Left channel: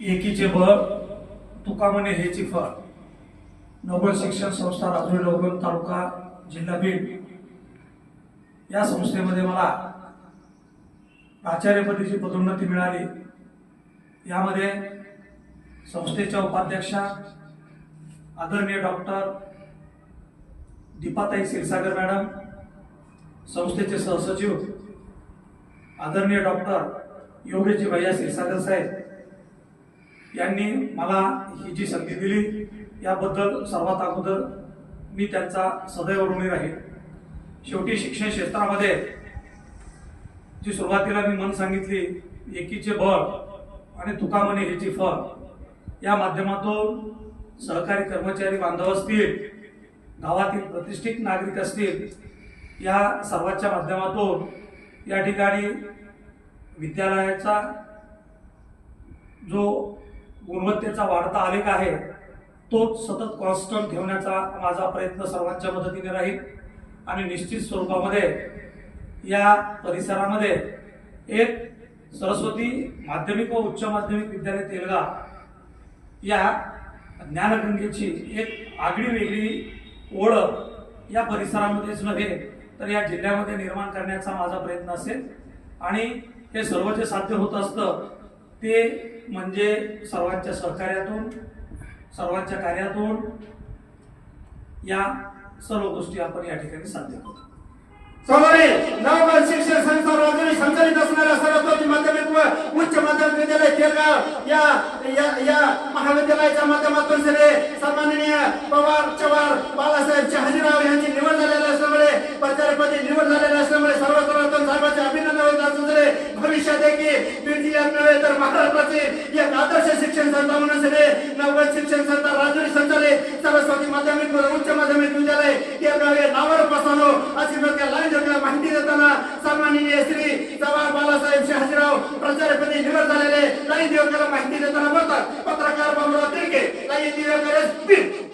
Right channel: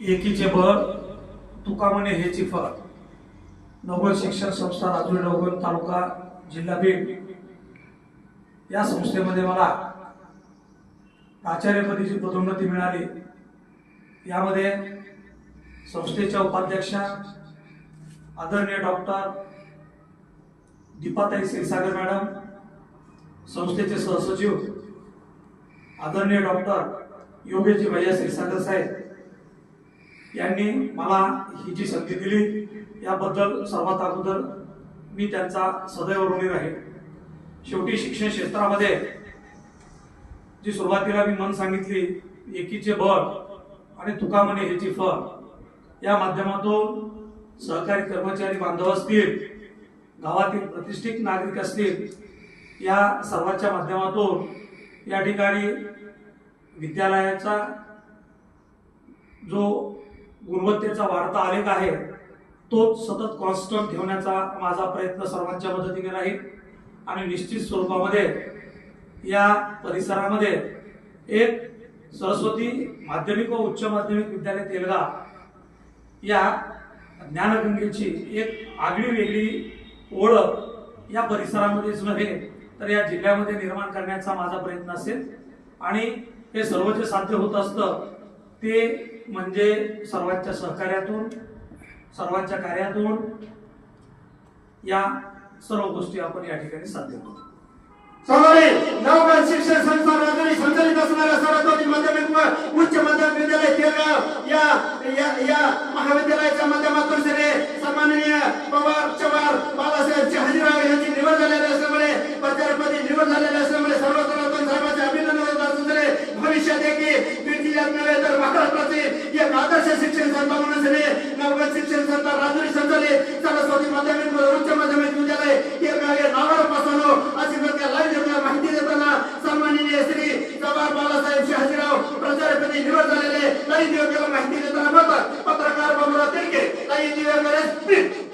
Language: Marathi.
एकीचे बळ तुका म्हणे हेची फळ. नोबल शिक्षण संस्था राजुरी नवगण तालुका जिल्हा बीड. या संस्थेमध्ये मला प्राचार्यपदीची पदोन्नती मिळाली. यामध्ये संस्थेच्या उपाध्यक्षा आदरणीय डॉक्टर दीपाताई क्षीरसागर मॅडम संस्थेचे सहसचिव आदरणीय डॉक्टर योगेशजी भैया क्षीरसागर साहेब यांनी मला ही जी संधी दिली याबद्दल सर्वात अगोदर मी त्यांचा सदैव ऋणी राहील. शेवटी शिक्षण क्षेत्रामध्ये जी सुरुवातीला मी मन सांगितली एकीचे बळ आणि तुका म्हणे ह्याची फळ या माध्यमातून सहकारी कर्मचारी बांधव असतील गावातील प्रतिष्ठित नागरिक असतील या सर्वांच्या माध्यमातून या ठिकाणी विद्यालयाचा जो गुणवत्तेचा वाढता आलेख आहे तो सतत कॉन्स्टंट ठेवण्याचा माझा प्रयत्न सर्वांच्या मदतीने राहील. आणि निश्चित स्वरूपामध्ये या परिसरामध्ये एक सरस्वती माध्यमिक व उच्च माध्यमिक विद्यालय तेलगा या ज्ञानगंगेची एक आगळी वेगळी ओळख या परिसरामध्येच नव्हे तर या जिल्ह्यामध्ये निर्माण करण्याचा माझा प्रयत्न असेल. आणि हे सर्व जे साध्य होत असतं ते म्हणजे सर्वांच्या सहकार्यातून सर्वांच्या कार्यातून या सर्व गोष्टी आपण या ठिकाणी साध्य करतो सर्वांनी शिक्षण संस्था राजधानी संचालित असणाऱ्या सरस्वती माध्यमिक व उच्च माध्यमिक विद्यालय केलगाव या या या महाविद्यालयाच्या माध्यमातून सगळे सन्माननीय पवार चव्हाण बाळासाहेब शहाजीराव यांची निवड झालेली असल्यामुळे प्राचार्यपदी निवड झालेली असल्यामुळे सर्व सर्वोत्तम साहेबांचे अभिनंदन होत असून भविष्यात की जिल्ह्यात नव्हे तर महाराष्ट्राचे एक आदर्श शिक्षण संस्था म्हणून सगळे नवगत शिक्षण संस्था राजुरी संचालित सरस्वती माध्यमिक उच्च माध्यमिक विद्यालय या या नावावर पासवणो अशी प्रकार लाईव्ह जोडल्या माहिती देताना सन्माननीय श्री चव्हाण बाळासाहेब शहाजीराव प्राचार्यपदी निवड झालेले लाईव्ह जोडल्याला माहिती देताना बोलतात. पत्रकार बाबूराव तिरके लाईव्ह जोडल्या